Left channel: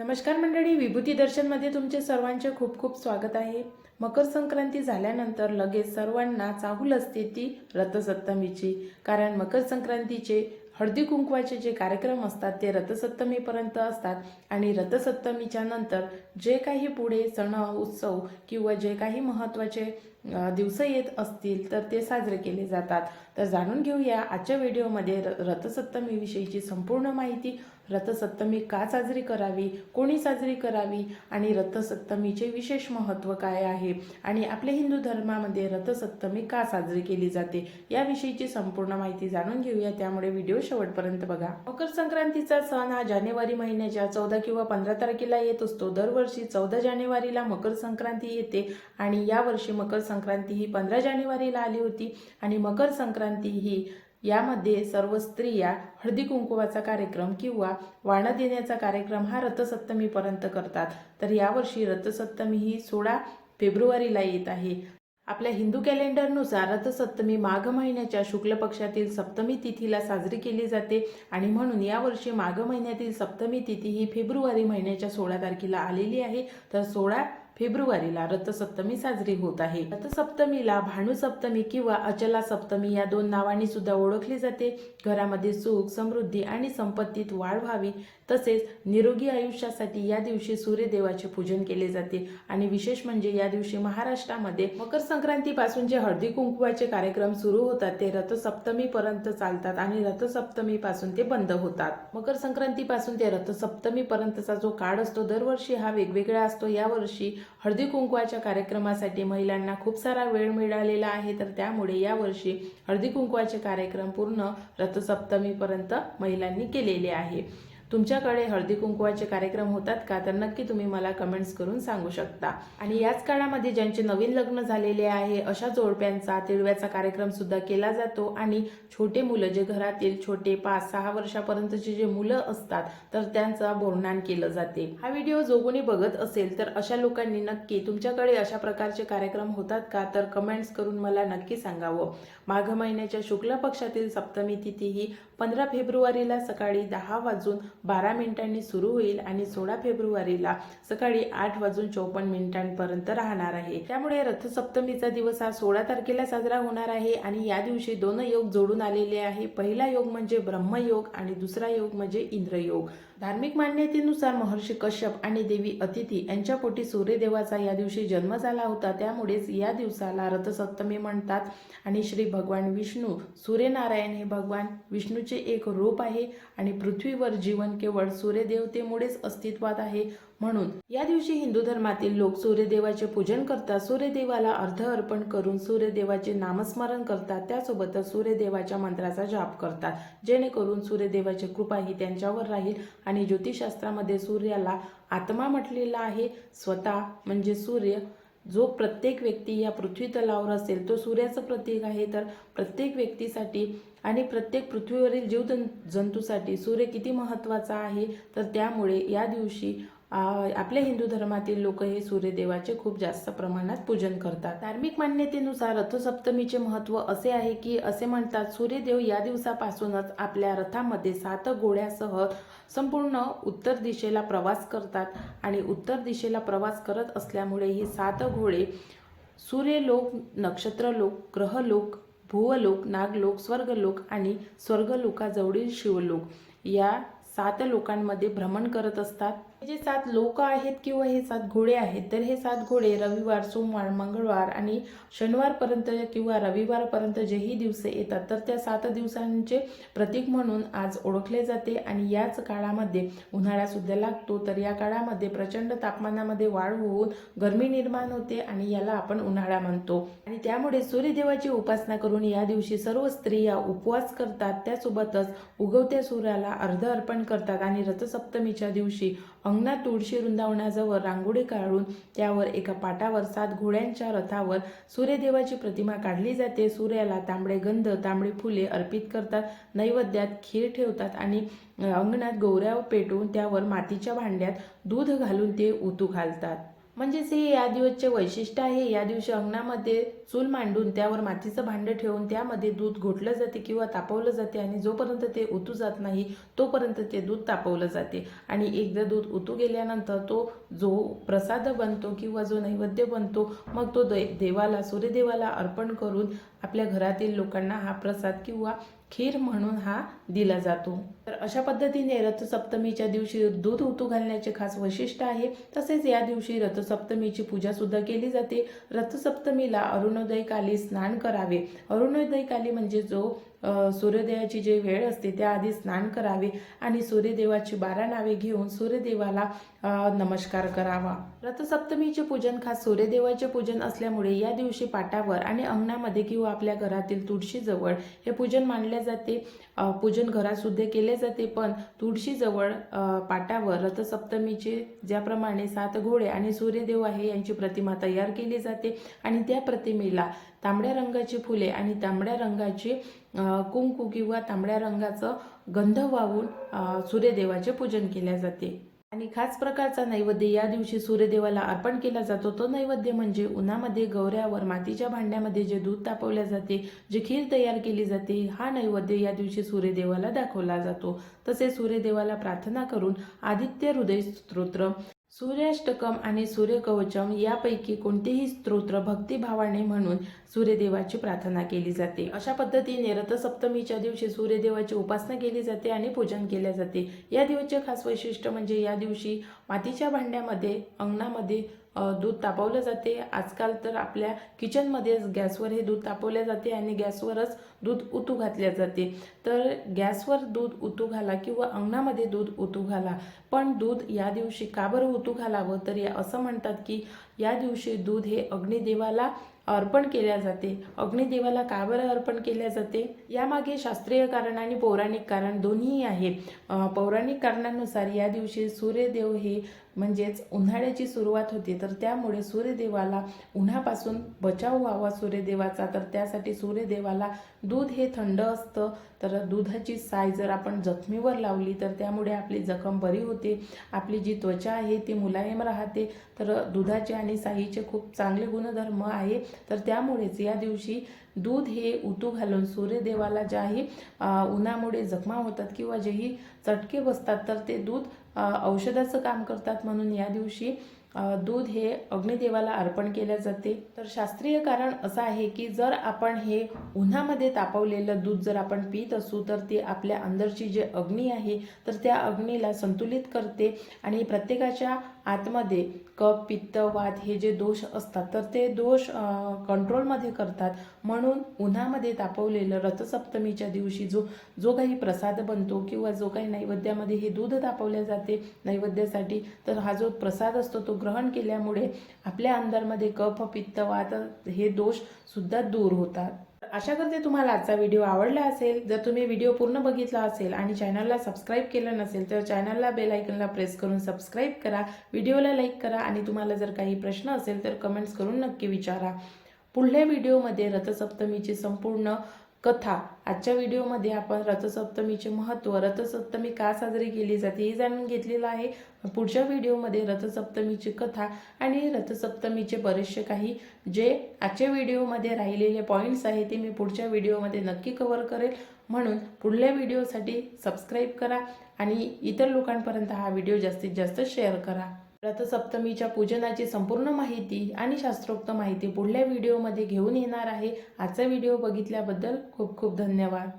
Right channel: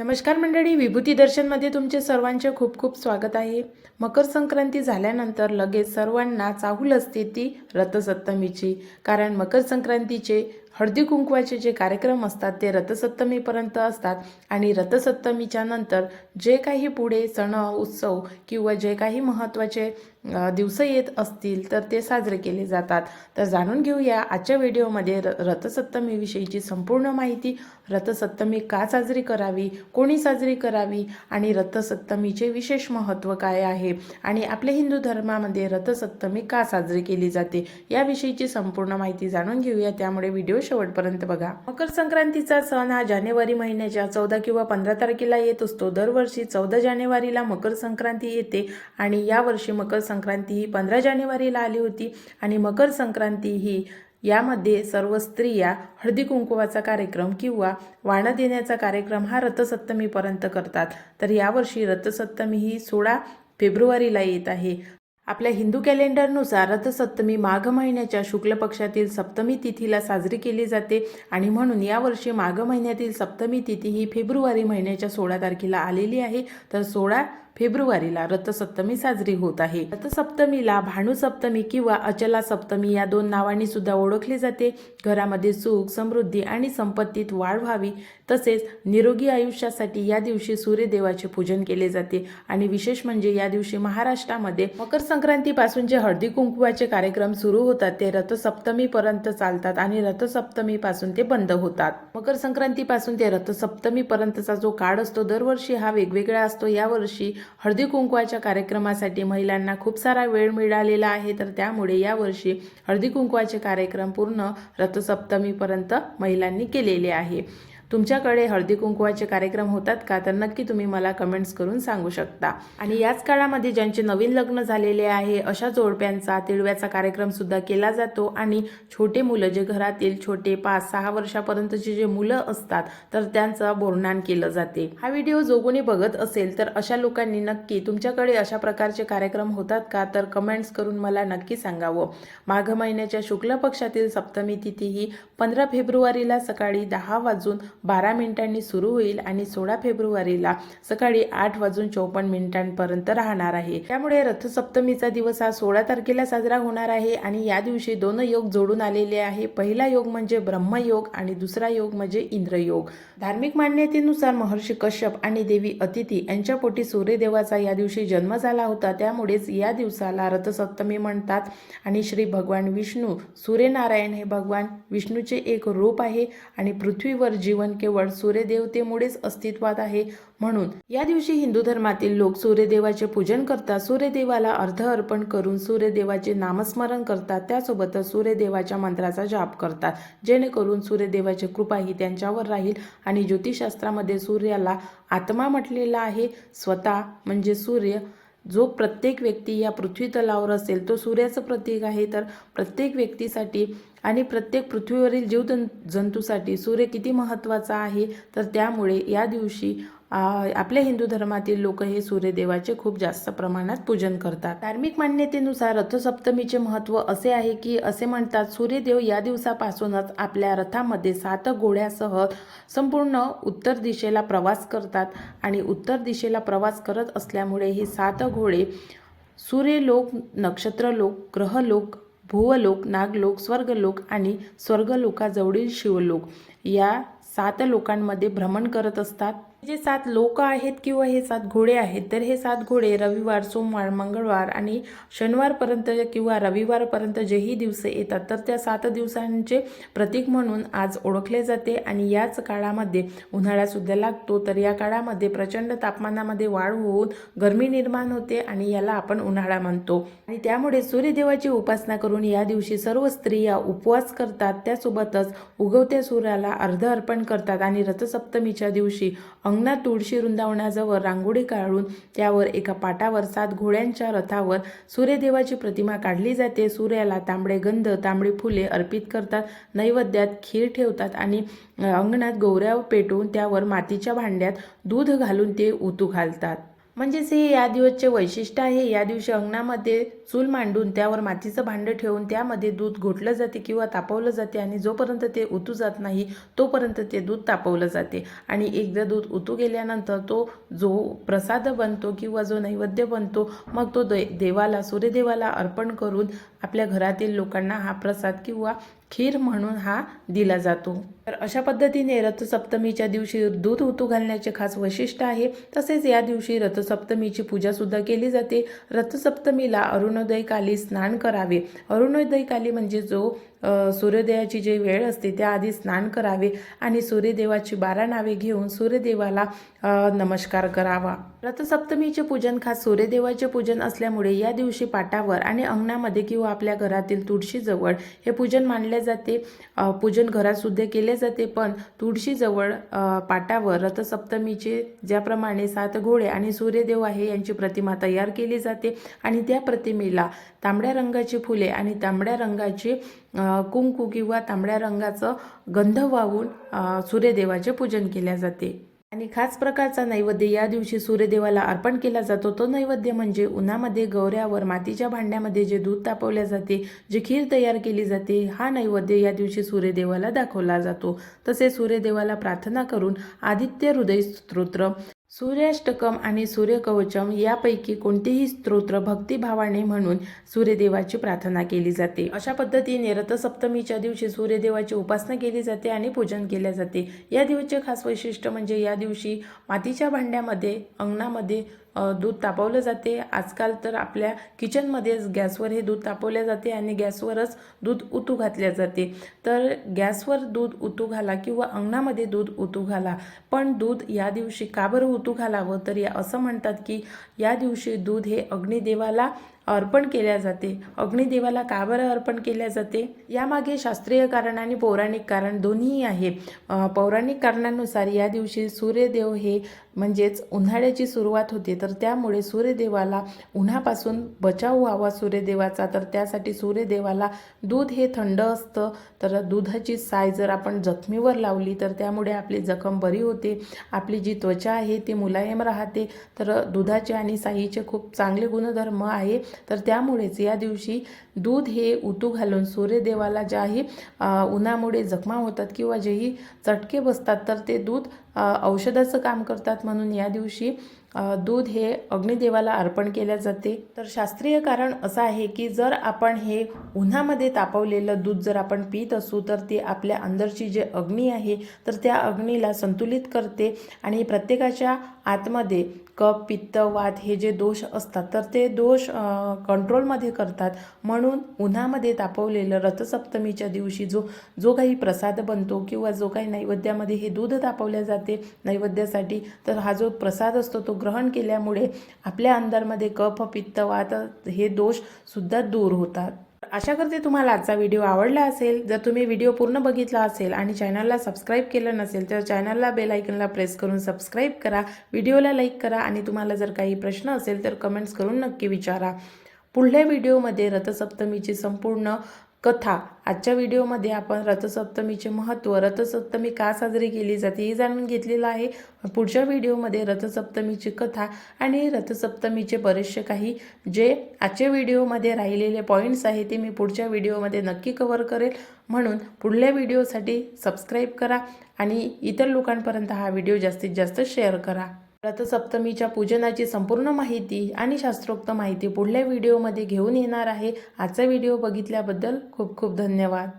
नमस्कार मंडळी विभूती दर्शनमध्ये तुमचे सर्वांचे खूप खूप स्वागत आहे. मकर संक्रांती झाल्यानंतर लगेच सर्वांना चाहूल असते ती रथसप्तमीची. कारण मकर संक्रांतीचे हळदी कुंकवाचे जे कार्यक्रम असतात ते रथसप्तमीपर्यंत असतात. आणि रथसप्तमीच्या नंतर जे काही पुढे सण उत्सव किंवा जे काही महत्त्वाचे दिवस येत असतील तर ते साजरे केले जातात. तर जाणून घेऊया आजच्या व्हिडिओमध्ये र रथसप्तमीविषयीची संपूर्ण माहिती. रथसप्तमी का साजरी करावी? कोणी साजरी करावी? आणि रथसप्तमीचे विशेष महत्त्व काय आहे? आणि आपल्या हिंदू धर्मामध्ये रथसप्तमी का साजरी केली जाते? याविषयीची संपूर्ण माहिती जाणून घेऊया. त्यामुळे व्हिडिओ शेवटपर्यंत बघा. मकर संक्रांतीचा सण हा जानेवारी महिन्याच्या चौदा किंवा पंधरा तारखेला येत असतो. दरवर्षी चौदा जानेवारीला मकर संक्रांती येते आणि यावर्षी मकर संक्रांती ही पंधरा जानेवारीला आली होती. आणि मकर संक्रांती ही यामध्ये सर्व स्त्रिया हळदी कुंकुवाचा कार्यक्रम किंवा वाणं देण्याचा कार्यक्रम हा रथसप्तमीपर्यंत करतात. तर यावर्षी रथसप्तमी ही सोळा फेब्रुवारीला येत आहे. आपल्या हिंदू कॅलेंडरनुसार रथसप्तमी माघ महिन्याच्या शुक्ल पक्षातील सप्तमी तिथीला साजरी केली जाते आणि म्हणून यावर्षी माघ महिन्यातील सप्तमी तिथी ही फेब्रुवारी महिन्याच्या सोळा तारखेला आलेली आहे. तर सोळा फेब्रुवारीला रथसप्तमी साजरी होत आहे. रथसप्तमीला भानुसप्तमी किंवा अचला सप्तमी या दोन नावांनी सुद्धा ओळखली जाते. घरामध्ये सुख समृद्धी आणि संपत्तीत वाढ व्हावी तसेच निरोगी आयुष्यासाठी या दिवशी सूर्यदेवाचे पूजन केले जाते. आणि विशेष म्हणजे या दिवशी महाराष्ट्रामध्ये मकर संक्रांतीपासून जे हळदी कुंकवाचे कार्यक्रम सुरू होतात ते रथसप्तमीपर्यंत चालतात आणि रथसप्तमीपासून ते बंद होतात. मकर संक्रांतीपासून ते रथसप्तमीपर्यंतचा जो काळ असतो दरवर्षी हा वेगवेगळा असतो. यावर्षी हळदी कुंकवाच्या कार्यक्रमासाठी महिलांना खूप सारा वेळ मिळालेला आहे. तर त्यामुळे यावर्षी हळदी कुंकवाचे कार्यक्रम पूर्ण रथसप्तमीपर्यंत महिलांनी केलेले आहे. तुमच्याकडे हळदी कुंकवाचे कार्यक्रम होतात का? तर नक्की तुम्ही मला कमेंट्स करून सांगू शकता. आणि याच काळामध्ये ज्यांचे नवीन लग्न झालेले आहे अशा जोडप्यांचा तिळव्याचा कार्यक्रम सुद्धा केला जातो. आणि छोटे मुलं जे घरातील छोटे पाच सहा वर्षापर्यंतचे जे मुलं असतात तर त्यांचं बोरणान केलं जाते. हा व्हिडिओ जो कोणी बघत असेल तर अशा लोकांनी नक्की तुमच्याकडे अशा प्रकारचे कार्यक्रम होतात का? तर कमेंट्स करून मला नक्की सांगावं. माघ महिन्याच्या शुक्ल पक्षातील सप्तमी तिथी ही पंधरा फेब्रुवारीला सकाळी दहा वाजून बारा मिनिटांनी सुरू होईल आणि सोळा फेब्रुवारीला सकाळी आठ वाजून चौपन्न मिनिटांपर्यंत राहणार आहे. त्यामुळे रथसप्तमीचा दिवस हा सोळा तारखेला साजरा होणार आहे आणि या दिवशी दोन योग जोडून आलेले आहे. पहिला योग म्हणजे ब्रह्मयोग आणि दुसरा योग म्हणजे इंद्रयोग. धार्मिक मान्यतेनुसार महर्षी कश्यप आणि देवी अतिथी यांच्या पोटी सूर्यदेवाचा या दिवशी जन्म झाला होता. त्यामुळेच या दिवसाला रथसप्तमी म्हणतात आणि श्री भगवान विष्णू सूर्यनारायण हे भगवान विष्णूचे एक रूप आहे आणि पृथ्वीवर जीवन केवळ सूर्यदेवतेमुळेच अस्तित्वात आहे म्हणून. या दिवशी हिंदू धर्मातील लोक सूर्यदेवाचे पूजन करतात सूर्यदेवाला अर्ध अर्पण करून सूर्यदेवाचे नामस्मरण करतात त्यासोबतच सूर्यदेवाच्या मंत्राचा जाप करतात. जेणेकरून सूर्यदेवाची कृपा ही त्यांच्यावर राहील आणि ज्योतिषशास्त्रामध्ये सूर्याला आत्मा म्हटलेला आहे स्वतः म्हणजे सूर्य. जो प्रत्येक व्यक्ती या पृथ्वी तलावर असेल तो सूर्याचं प्रतीक आहे. तर प्रत्येक व्यक्तीसाठी आणि प्रत्येक पृथ्वीवरील जीव जंतूसाठी सूर्य किती महत्त्वाचा आहे? तर त्यामुळे या दिवशी आपल्या हिंदू धर्मातील लोक हे सूर्यदेवाचे खूप जास्त प्रमाणात पूजन करतात. धार्मिक मान्यतेनुसार रथसप्तमीचे महत्त्व असे आहे की असे म्हणतात सूर्यदेव या दिवसापासूनच आपल्या रथामध्ये सात घोड्यासह संपूर्ण उत्तर दिशेला प्रवास करतात आणि उत्तर दिशेला प्रवास करत असल्यामुळे हे सात घोडे सूर्यलोक नक्षत्रलोक ग्रहलोक भुवलोक नागलोक स्वर्गलोक आणि स्वर्गलोकाजवळील शिवलोक या सात लोकांमध्ये भ्रमण करत असतात. जे सात लोक आहेत किंवा हे सात घोडे आहेत तर हे सात घोडे रविवार सोमवार मंगळवार आणि शनिवारपर्यंत किंवा रविवारपर्यंत जेही दिवस येतात तर त्या सात दिवसांचे प्रतीक म्हणून आज ओळखले जाते आणि याच काळामध्ये उन्हाळासुद्धा लागतो. तर या काळामध्ये प्रचंड तापमानामध्ये वाढ होऊन गरमी निर्माण होते आणि याला आपण उन्हाळा म्हणतो. आणि त्यामुळे सूर्यदेवाची उपासना करून या दिवशी सर्व स्त्रिया उपवास करतात. त्यासोबतच उगवत्या सूर्याला अर्ध अर्पण करतात आणि रथसप्तमीच्या दिवशी अंगणात तुळशी वृंदावनाजवळ रांगोळी काढून त्यावर एका पाटावर सात घोड्यांच्या रथावर सूर्यदेवाची प्रतिमा काढली जाते. सूर्याला तांबडे गंध तांबडी फुले अर्पित करतात. नैवेद्यात खीर ठेवतात आणि अंगणात गौऱ्या पेटवून त्यावर मातीच्या भांड्यात दूध घालून ते उतू घालतात. म्हणजेच हे या दिवसचे वैशिष्ट्य आहे. या दिवशी अंगणामध्ये चूल मांडून त्यावर मातीचं भांडं ठेवून त्यामध्ये दूध घोटलं जाते किंवा तापवलं जाते आणि जोपर्यंत ते उतू जात नाही तोपर्यंत ते दूध तापवलं जाते. आणि एकदा दूध उतू गेल्यानंतर तो जो प्रसाद बनतो किंवा जो नैवेद्य बनतो मग तो दे देवाला सूर्यदेवाला अर्पण करून आपल्या घरातील लोकांना हा प्रसाद किंवा खीर म्हणून हा दिला जातो. तर अशा पद्धतीने रथसप्तमीच्या दिवशी दूध ऋतू घालण्याचे खास वैशिष्ट्य आहे. तसेच या दिवशी रथसप्तमीची पूजा सुद्धा केली जाते. रथसप्तमीला अरुणोदयकाली स्नान करावे. अरुणोदयकाली म्हणजे जो सूर्योदयाची जी वेळ असते त्याआधी स्नान करावे आणि सूर्यदेवाची बारा नावे घेऊन सूर्यदेवाला नमस्कार करावा. रथसप्तमीचे पूजन खास सूर्यदेवाचे पूजन असल्यामुळे या दिवशी पाटावर आणि अंगणामध्ये किंवा आपल्या घरातील तुळशीजवळ हे पूजन मानले जाते. पूजन घरातसुद्धा केले जाते पण तुळशीजवळ पाटावर रथसप्तमीचे ज्याप्रमाणे सात घोडे आणि सूर्यदेव आहे यांची प्रतिमा तयार केली जाते. आणि त्या प्रतिमेला तांबड्या रंगाची फुले आणि तांबड्या रंगाची कुंकू किंवा तांबड्या रंगाचं गंध वाहून सूर्यदेवाचे पूजन केले जाते. आणि खास प्रकारचा नैवेद्य या दिवशी सूर्यदेवाला अर्पण केला जातो. तो नैवेद्य म्हणजे उन्हामध्ये गौऱ्यावर मातीच्या भांड्यामध्ये जे दूध तापवले जाते जे खीर तयार केली जाते हा नैवेद्य या दिवशी सूर्यदेवाला दाखवला जातो. तसेच सूर्यदेवाला प्रार्थना करून आदित्य हृदय स्तोत्र सूर्याष्टकम आणि सूर्यकवचम यापैकी कोणतेही स्तोत्र भक्तिभावाने म्हणून सूर्यदेवाची प्रार्थना केली जाते. अशा पद्धतीने रथसप्तमीच्या दिवशी सूर्यदेवाची उपासना केली जाते आणि पूजन केले जाते. या दिवसचे खास वैशिष्ट्य म्हणजे या दिवशी मातीच्या भांड्यामध्ये अंगणामध्ये दूध तापवलं जाते. आजकाल तर आपल्या किचनमध्येच गॅसवर हे दूध तापवले जाते आणि गॅसवरच दूध उतू घातले जाते. तर गॅसवर दूध उतू घाला किंवा अंगणामध्ये दूध उतू घाला. पण दूध या दिवशी का बरं उतू घालावं? तर या असं म्हणतात की या दिवशी दूध हे अग्निदेवाला अर्पण केल्या जाते. अग्निदेवाला का बरं अर्पण केल्या जाते? यामागे शास्त्रीय कारण आणि पौराणिक कारण दोन्हीही आहे. पौराणिक कारणानुसार या दिवशी सूर्यदेव हे म्हणजेच उन्हाळ्याची सुरुवात होते. तर त्यामुळे सूर्यदेवाला उन्हापासून बचाव व्हावा सूर्यदेवाचा. तर त्यासाठी सूर्यदेवाला दूध हे थंड असतं. तर दुधाची साय जर आपण जखमीवर लावली तर त्यामुळे आपली जखम बरी होते. आपली जी त्वचा आहे ती मुलायम राहते. तर दुधाचे आणि साईचे खूप चांगले गुणधर्म आहे. तर त्यामुळेच या दिवशी दूध हे उतू घालून सूर्यदेवाला ज्याही उन्हामुळे जखमा होतात किंवा जेही चटके बसतात तर ते दूध औषधाचं काम करतात. म्हणून या दिवशी दूध हे अग्निदेवाला अर्पण केले जाते. तर शास्त्रीय कारण असं आहे की जर आपण हे उन्हामध्ये तापवलेलं दूध जर आपण पित असू तर ते आपल्या अंदरची जे अग्नी आहे तर त्या अग्नीला संतुलित करते आणि प्रत्येकाच्या आतमध्ये कप पित्त वात हे जे दोष असतात तर ते दोष कंट्रोलमध्ये करतात. म्हणून उन्हामध्ये तापवलेलं रथसप्तमीच्या दिवशी जो जो काही प्रसाद बनतो किंवा जो काही नैवेद्यामध्ये हे दूध तापवले जाते नैवेद्यासाठी तर हा जो प्रसाद असतो तो ग्रहण केल्यामुळे आपल्या अंदरमध्ये कफ पित्त वात हे दोष सुद्धा दूर होतात. आशा करते तुम्हाला आजचा व्हिडिओ आवडला असेल. जर तुम्ही व्हिडिओ पूर्ण बघितला असेल आणि चॅनलला सबस्क्राईब केलं नसेल तर चॅनलला बेल आयकनला प्रेस करून सबस्क्राईब करा व्हिडिओला लाईक करा आणि तुम्हाला जर काही प्रश्न असेल तर कमेंट्स करून नक्की विचारा. पुढल्या व्हिडिओमध्ये रथसप्तमीची संपूर्ण कथा. आजच्या व्हिडिओमध्ये आपण रथसप्तमीचे महत्त्व रथसप्तमी का साजरी केली जाते हे जाणून घेतलेलं आहे. पुढच्या व्हिडिओमध्ये रथसप्तमीची कथा आणि रथसप्तमीचे बरेचसे काही जे आजच्या व्हिडिओमध्ये राहिलेले पॉईंट्स आहे ते मी पुढच्या व्हिडिओमध्ये नक्की कव्हर करेल. म्हणून पुढल्या व्हिडिओसाठी सबस्क्राईब करा आणि इतर लोकांपर्यंत हा व्हिडिओ जास्तीत जास्त शेअर करा. रथसप्तमीच्या पूजनाची संपूर्ण माहिती आणि शास्त्रोक्त माहिती पुढल्या व्हिडिओमध्ये घेऊन येणार आहे. आजचा व्हिडिओ बघितल्याबद्दल खूप खूप धन्यवाद.